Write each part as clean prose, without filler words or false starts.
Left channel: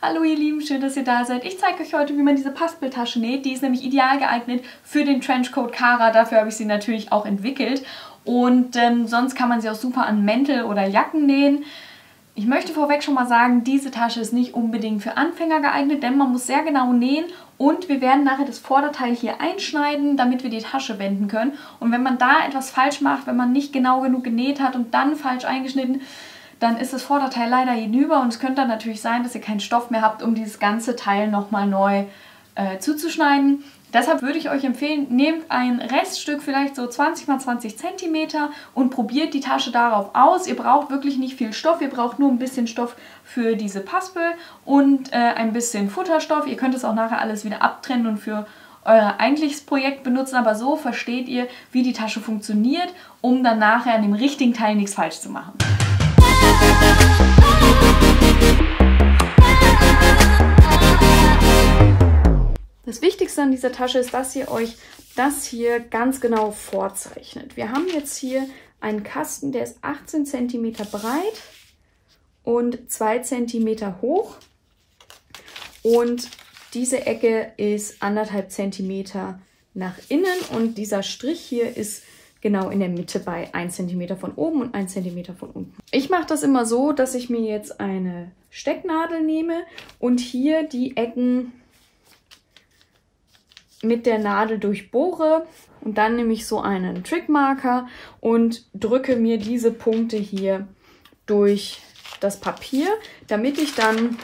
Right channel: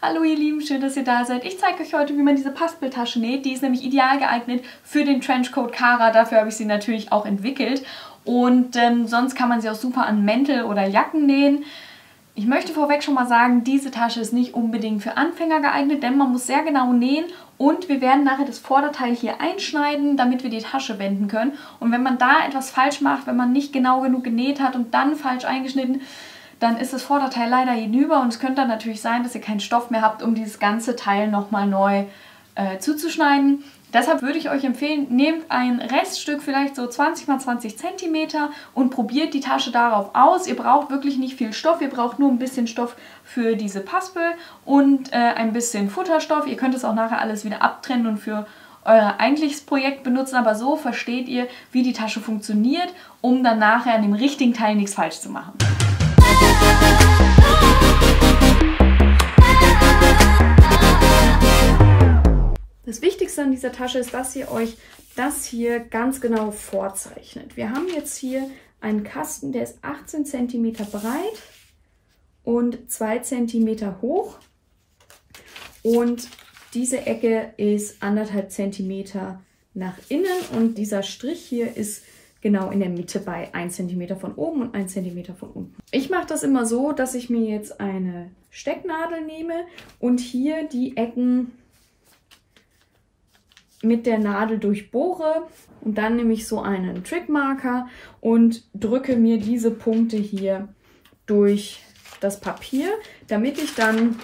Hallo ihr Lieben, schön, dass ihr da seid. Ich zeige euch heute, wie man diese Paspeltasche näht. Die ist nämlich ideal geeignet für den Trenchcoat Kara. Dafür habe ich sie natürlich auch entwickelt. Und sonst kann man sie auch super an Mäntel oder Jacken nähen. Ich möchte vorweg schon mal sagen, diese Tasche ist nicht unbedingt für Anfänger geeignet, denn man muss sehr genau nähen. Und wir werden nachher das Vorderteil hier einschneiden, damit wir die Tasche wenden können. Und wenn man da etwas falsch macht, wenn man nicht genau genug genäht hat und dann falsch eingeschnitten, dann ist das Vorderteil leider hinüber und es könnte dann natürlich sein, dass ihr keinen Stoff mehr habt, um dieses ganze Teil nochmal neu zuzuschneiden. Deshalb würde ich euch empfehlen, nehmt ein Reststück, vielleicht so 20 x 20 cm und probiert die Tasche darauf aus. Ihr braucht wirklich nicht viel Stoff, ihr braucht nur ein bisschen Stoff für diese Paspel und ein bisschen Futterstoff. Ihr könnt es auch nachher alles wieder abtrennen und für euer eigentliches Projekt benutzen, aber so versteht ihr, wie die Tasche funktioniert, um dann nachher an dem richtigen Teil nichts falsch zu machen. Das Wichtigste an dieser Tasche ist, dass ihr euch das hier ganz genau vorzeichnet. Wir haben jetzt hier einen Kasten, der ist 18 cm breit und 2 cm hoch. Und diese Ecke ist 1,5 cm nach innen und dieser Strich hier ist genau in der Mitte bei 1 cm von oben und 1 cm von unten. Ich mache das immer so, dass ich mir jetzt eine Stecknadel nehme und hier die Ecken mit der Nadel durchbohre und dann nehme ich so einen Trickmarker und drücke mir diese Punkte hier durch das Papier, damit ich dann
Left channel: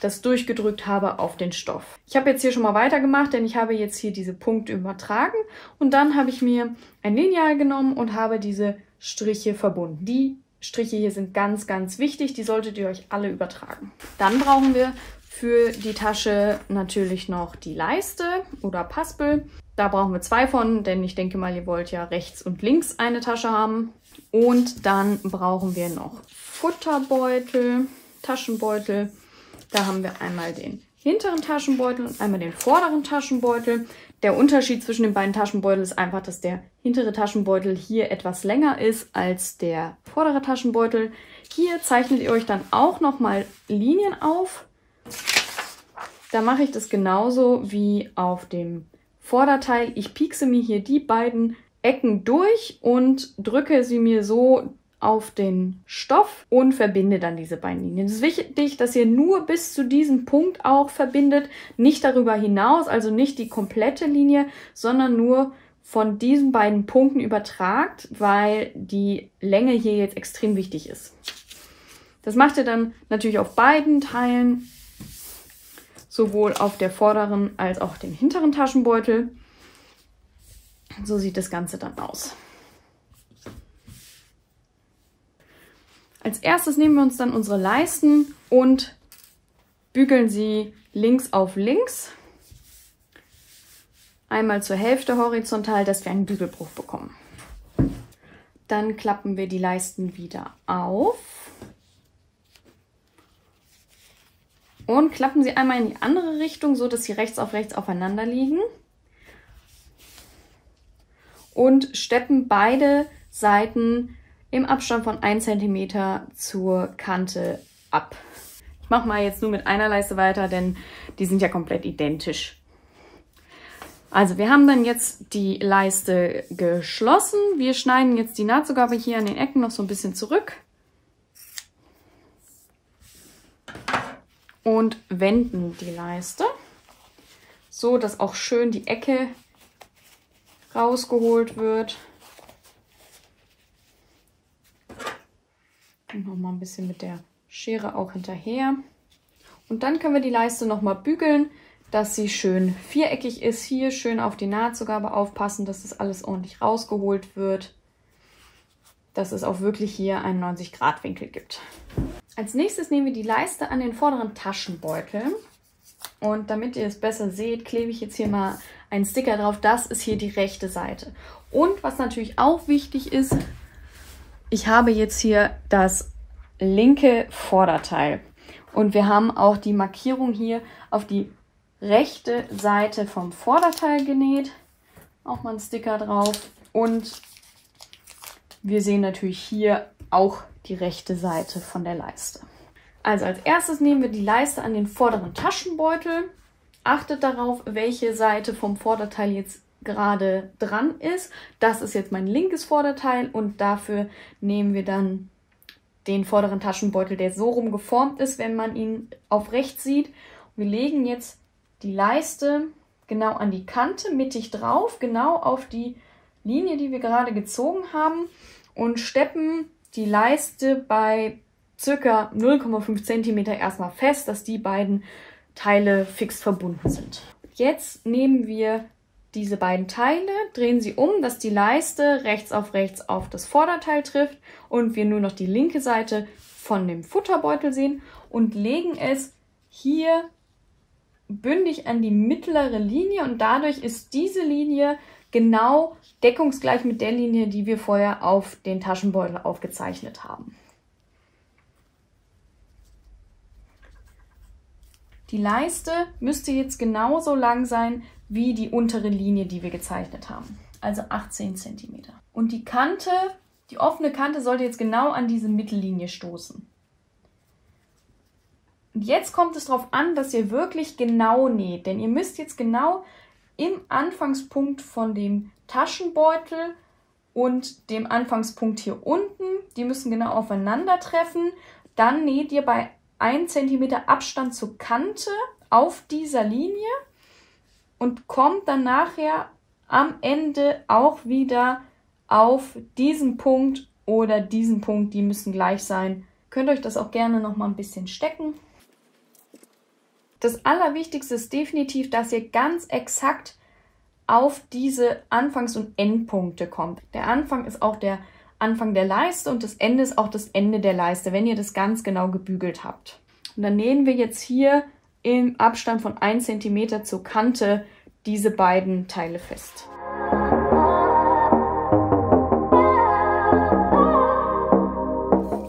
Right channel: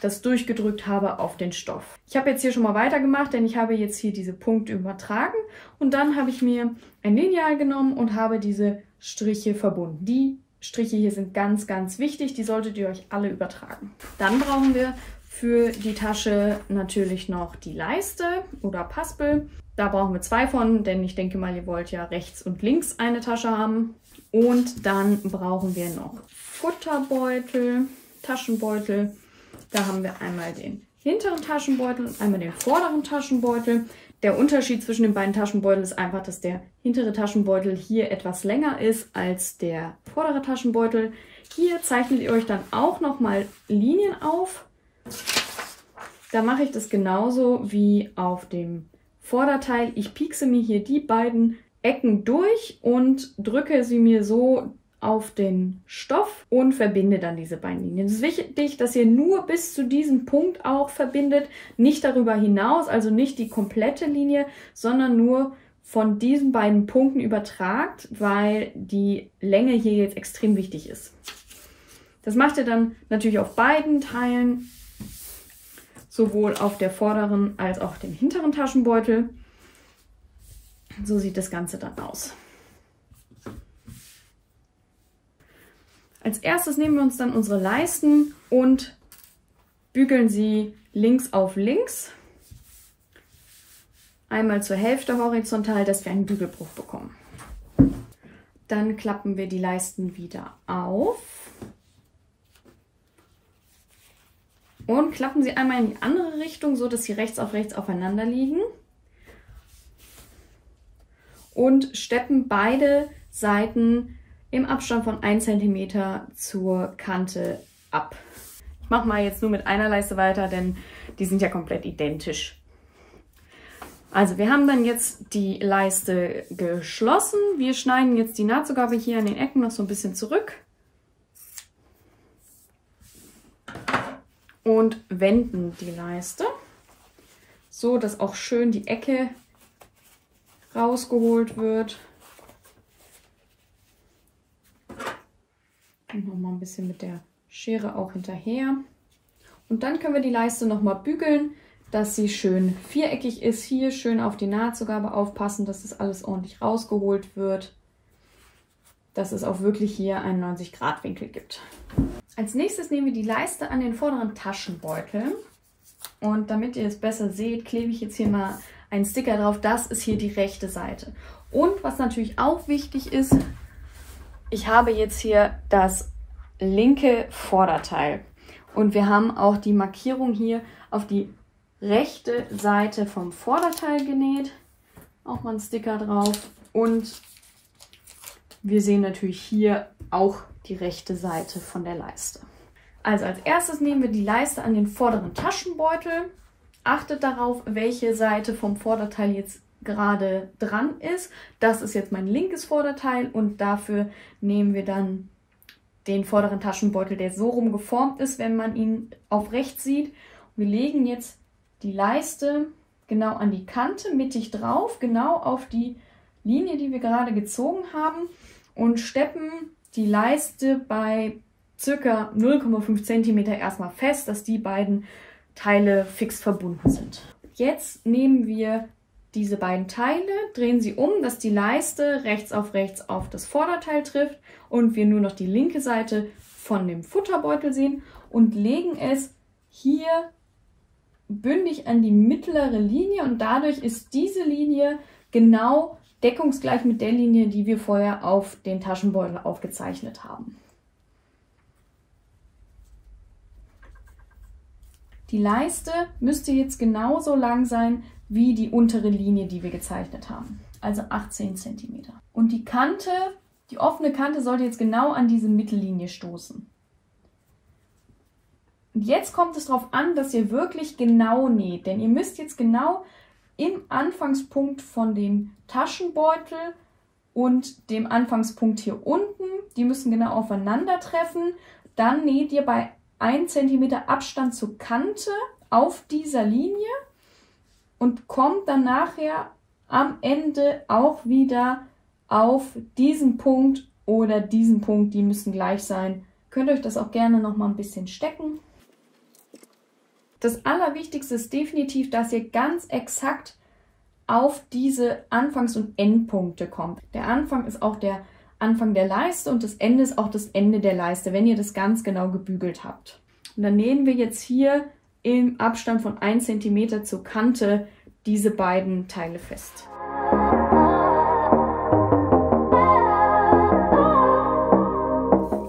das durchgedrückt habe auf den Stoff. Ich habe jetzt hier schon mal weitergemacht, denn ich habe jetzt hier diese Punkte übertragen und dann habe ich mir ein Lineal genommen und habe diese Striche verbunden. Die Striche hier sind ganz, ganz wichtig, die solltet ihr euch alle übertragen. Dann brauchen wir für die Tasche natürlich noch die Leiste oder Paspel. Da brauchen wir 2 von, denn ich denke mal, ihr wollt ja rechts und links eine Tasche haben. Und dann brauchen wir noch Futterbeutel, Taschenbeutel. Da haben wir einmal den hinteren Taschenbeutel und einmal den vorderen Taschenbeutel. Der Unterschied zwischen den beiden Taschenbeuteln ist einfach, dass der hintere Taschenbeutel hier etwas länger ist als der vordere Taschenbeutel. Hier zeichnet ihr euch dann auch nochmal Linien auf. Da mache ich das genauso wie auf dem Vorderteil. Ich piekse mir hier die beiden Ecken durch und drücke sie mir so auf den Stoff und verbinde dann diese beiden Linien. Es ist wichtig, dass ihr nur bis zu diesem Punkt auch verbindet, nicht darüber hinaus, also nicht die komplette Linie, sondern nur von diesen beiden Punkten übertragt, weil die Länge hier jetzt extrem wichtig ist. Das macht ihr dann natürlich auf beiden Teilen, sowohl auf der vorderen als auch dem hinteren Taschenbeutel. So sieht das Ganze dann aus. Als erstes nehmen wir uns dann unsere Leisten und bügeln sie links auf links. Einmal zur Hälfte horizontal, dass wir einen Bügelbruch bekommen. Dann klappen wir die Leisten wieder auf. Und klappen sie einmal in die andere Richtung, so dass sie rechts auf rechts aufeinander liegen. Und steppen beide Seiten im Abstand von 1 cm zur Kante ab. Ich mache mal jetzt nur mit einer Leiste weiter, denn die sind ja komplett identisch. Also wir haben dann jetzt die Leiste geschlossen. Wir schneiden jetzt die Nahtzugabe hier an den Ecken noch so ein bisschen zurück. Und wenden die Leiste, so dass auch schön die Ecke rausgeholt wird. Und nochmal ein bisschen mit der Schere auch hinterher. Und dann können wir die Leiste nochmal bügeln, dass sie schön viereckig ist. Hier schön auf die Nahtzugabe aufpassen, dass das alles ordentlich rausgeholt wird. Dass es auch wirklich hier einen 90-Grad-Winkel gibt. Als nächstes nehmen wir die Leiste an den vorderen Taschenbeutel. Und damit ihr es besser seht, klebe ich jetzt hier mal einen Sticker drauf. Das ist hier die rechte Seite. Und was natürlich auch wichtig ist, ich habe jetzt hier das linke Vorderteil. Und wir haben auch die Markierung hier auf die rechte Seite vom Vorderteil genäht. Auch mal einen Sticker drauf. Und wir sehen natürlich hier auch die rechte Seite von der Leiste. Also als erstes nehmen wir die Leiste an den vorderen Taschenbeutel. Achtet darauf, welche Seite vom Vorderteil jetzt gerade dran ist. Das ist jetzt mein linkes Vorderteil und dafür nehmen wir dann den vorderen Taschenbeutel, der so rum geformt ist, wenn man ihn auf rechts sieht. Wir legen jetzt die Leiste genau an die Kante, mittig drauf, genau auf die Linie, die wir gerade gezogen haben und steppen die Leiste bei ca. 0,5 cm erstmal fest, dass die beiden Teile fix verbunden sind. Jetzt nehmen wir diese beiden Teile, drehen sie um, dass die Leiste rechts auf das Vorderteil trifft und wir nur noch die linke Seite von dem Futterbeutel sehen und legen es hier bündig an die mittlere Linie und dadurch ist diese Linie genau deckungsgleich mit der Linie, die wir vorher auf den Taschenbeutel aufgezeichnet haben. Die Leiste müsste jetzt genauso lang sein wie die untere Linie, die wir gezeichnet haben, also 18 cm. Und die Kante, die offene Kante sollte jetzt genau an diese Mittellinie stoßen. Und jetzt kommt es darauf an, dass ihr wirklich genau näht, denn ihr müsst jetzt genau im Anfangspunkt von dem Taschenbeutel und dem Anfangspunkt hier unten, die müssen genau aufeinandertreffen. Dann näht ihr bei 1 cm Abstand zur Kante auf dieser Linie und kommt dann nachher am Ende auch wieder auf diesen Punkt oder diesen Punkt, die müssen gleich sein. Könnt euch das auch gerne noch mal ein bisschen stecken. Das Allerwichtigste ist definitiv, dass ihr ganz exakt auf diese Anfangs- und Endpunkte kommt. Der Anfang ist auch der Anfang der Leiste und das Ende ist auch das Ende der Leiste, wenn ihr das ganz genau gebügelt habt. Und dann nähen wir jetzt hier im Abstand von 1 cm zur Kante diese beiden Teile fest.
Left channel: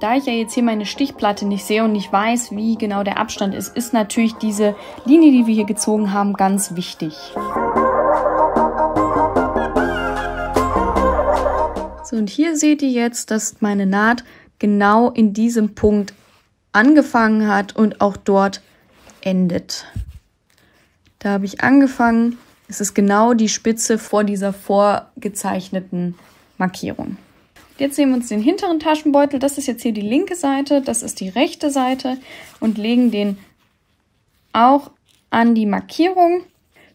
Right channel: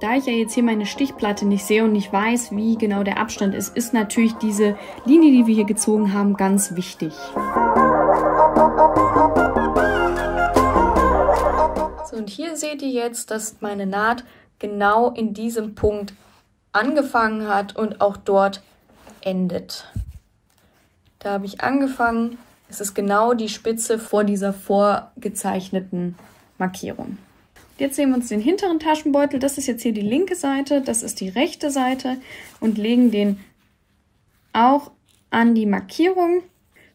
Da ich ja jetzt hier meine Stichplatte nicht sehe und nicht weiß, wie genau der Abstand ist, ist natürlich diese Linie, die wir hier gezogen haben, ganz wichtig. So, und hier seht ihr jetzt, dass meine Naht genau in diesem Punkt angefangen hat und auch dort endet. Da habe ich angefangen, es ist genau die Spitze vor dieser vorgezeichneten Markierung. Jetzt nehmen wir uns den hinteren Taschenbeutel, das ist jetzt hier die linke Seite, das ist die rechte Seite und legen den auch an die Markierung,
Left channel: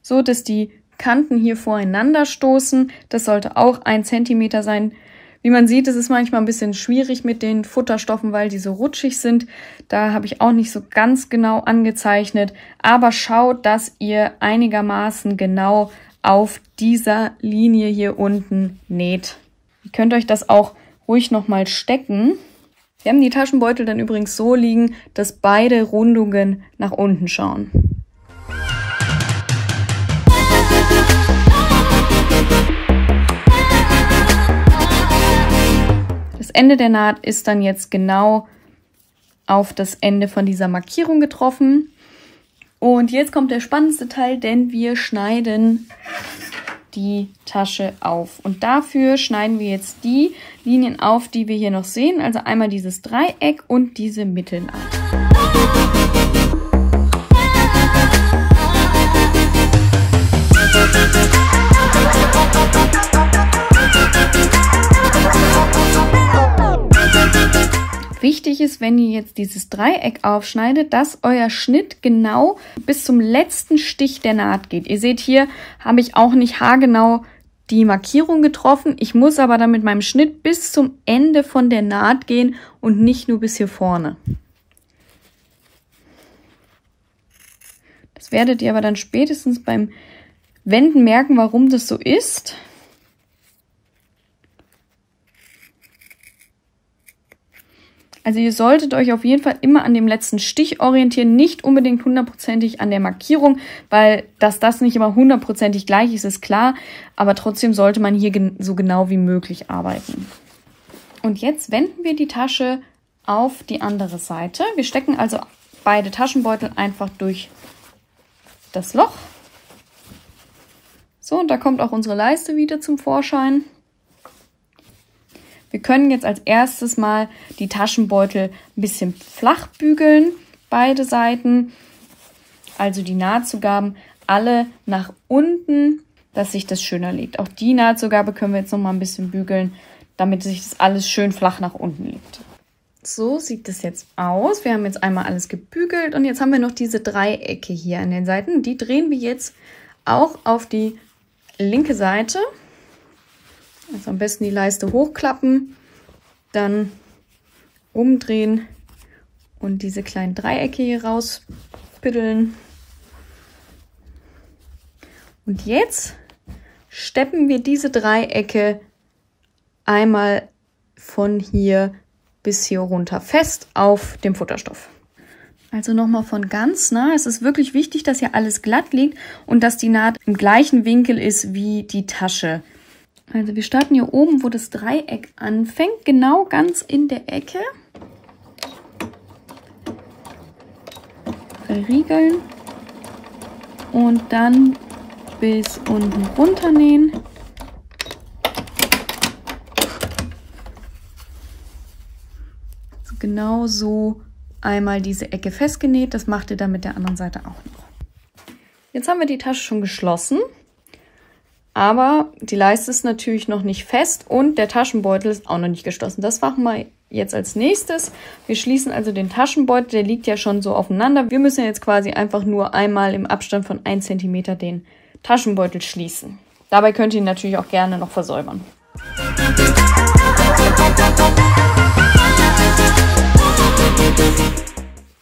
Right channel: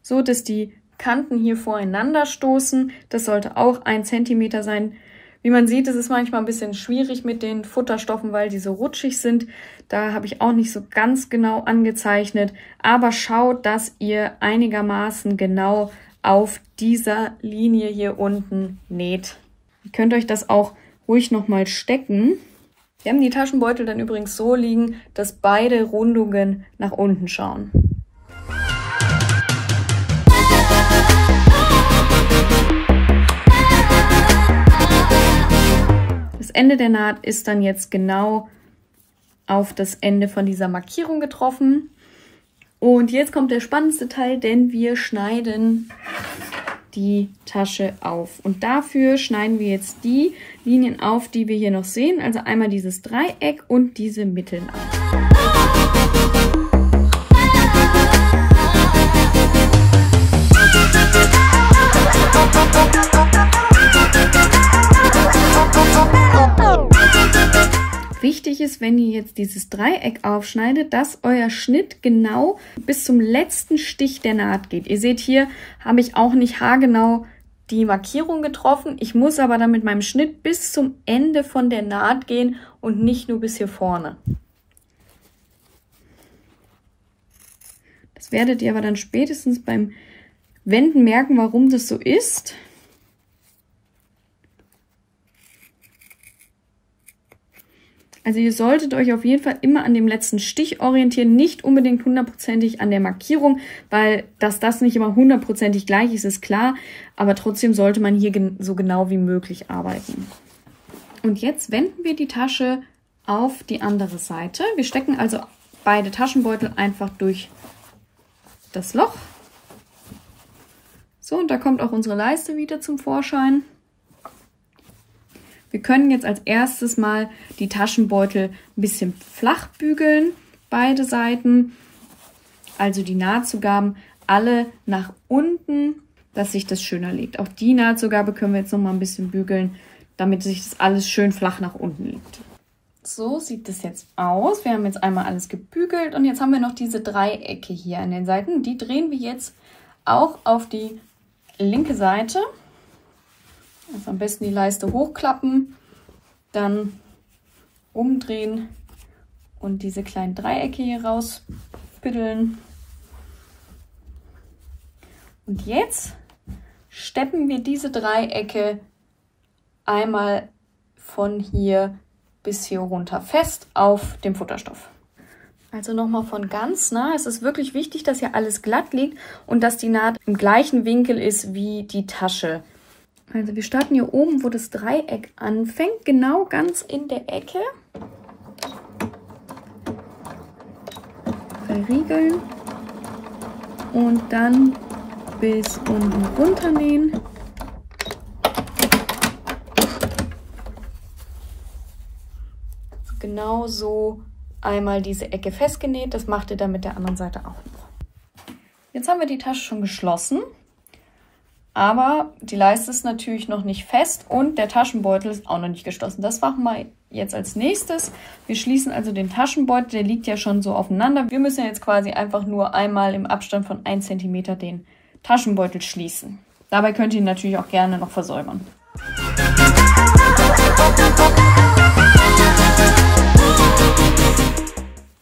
so dass die Kanten hier voreinander stoßen. Das sollte auch 1 cm sein. Wie man sieht, ist es manchmal ein bisschen schwierig mit den Futterstoffen, weil die so rutschig sind. Da habe ich auch nicht so ganz genau angezeichnet, aber schaut, dass ihr einigermaßen genau auf dieser Linie hier unten näht. Ihr könnt euch das auch ruhig nochmal stecken. Wir haben die Taschenbeutel dann übrigens so liegen, dass beide Rundungen nach unten schauen. Das Ende der Naht ist dann jetzt genau auf das Ende von dieser Markierung getroffen. Und jetzt kommt der spannendste Teil, denn wir schneiden die Tasche auf. Und dafür schneiden wir jetzt die Linien auf, die wir hier noch sehen. Also einmal dieses Dreieck und diese Mittelnaht. Wichtig ist, wenn ihr jetzt dieses Dreieck aufschneidet, dass euer Schnitt genau bis zum letzten Stich der Naht geht. Ihr seht, hier habe ich auch nicht haargenau die Markierung getroffen. Ich muss aber dann mit meinem Schnitt bis zum Ende von der Naht gehen und nicht nur bis hier vorne. Das werdet ihr aber dann spätestens beim Wenden merken, warum das so ist. Also ihr solltet euch auf jeden Fall immer an dem letzten Stich orientieren, nicht unbedingt hundertprozentig an der Markierung, weil dass das nicht immer hundertprozentig gleich ist, ist klar, aber trotzdem sollte man hier so genau wie möglich arbeiten. Und jetzt wenden wir die Tasche auf die andere Seite. Wir stecken also beide Taschenbeutel einfach durch das Loch. So, und da kommt auch unsere Leiste wieder zum Vorschein. Wir können jetzt als erstes mal die Taschenbeutel ein bisschen flach bügeln, beide Seiten. Also die Nahtzugaben alle nach unten, dass sich das schöner legt. Auch die Nahtzugabe können wir jetzt noch mal ein bisschen bügeln, damit sich das alles schön flach nach unten legt. So sieht das jetzt aus. Wir haben jetzt einmal alles gebügelt und jetzt haben wir noch diese Dreiecke hier an den Seiten. Die drehen wir jetzt auch auf die linke Seite. Also am besten die Leiste hochklappen, dann umdrehen und diese kleinen Dreiecke hier rauspiddeln. Und jetzt steppen wir diese Dreiecke einmal von hier bis hier runter fest auf dem Futterstoff. Also nochmal von ganz nah. Es ist wirklich wichtig, dass hier alles glatt liegt und dass die Naht im gleichen Winkel ist wie die Tasche. Also wir starten hier oben, wo das Dreieck anfängt, genau ganz in der Ecke. Verriegeln und dann bis unten runter nähen. Also genau so einmal diese Ecke festgenäht. Das macht ihr dann mit der anderen Seite auch noch. Jetzt haben wir die Tasche schon geschlossen. Aber die Leiste ist natürlich noch nicht fest und der Taschenbeutel ist auch noch nicht geschlossen. Das machen wir jetzt als nächstes. Wir schließen also den Taschenbeutel, der liegt ja schon so aufeinander. Wir müssen jetzt quasi einfach nur einmal im Abstand von 1 cm den Taschenbeutel schließen. Dabei könnt ihr ihn natürlich auch gerne noch versäubern.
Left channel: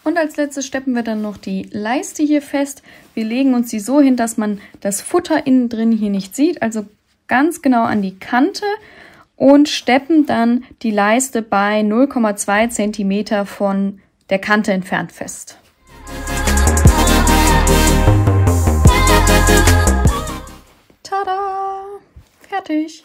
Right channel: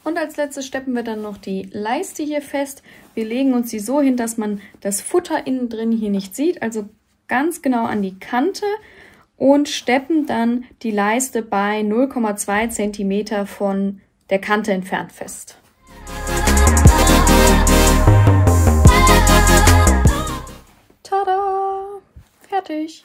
Und als letztes steppen wir dann noch die Leiste hier fest. Wir legen uns sie so hin, dass man das Futter innen drin hier nicht sieht, also ganz genau an die Kante und steppen dann die Leiste bei 0,2 cm von der Kante entfernt fest. Tada! Fertig!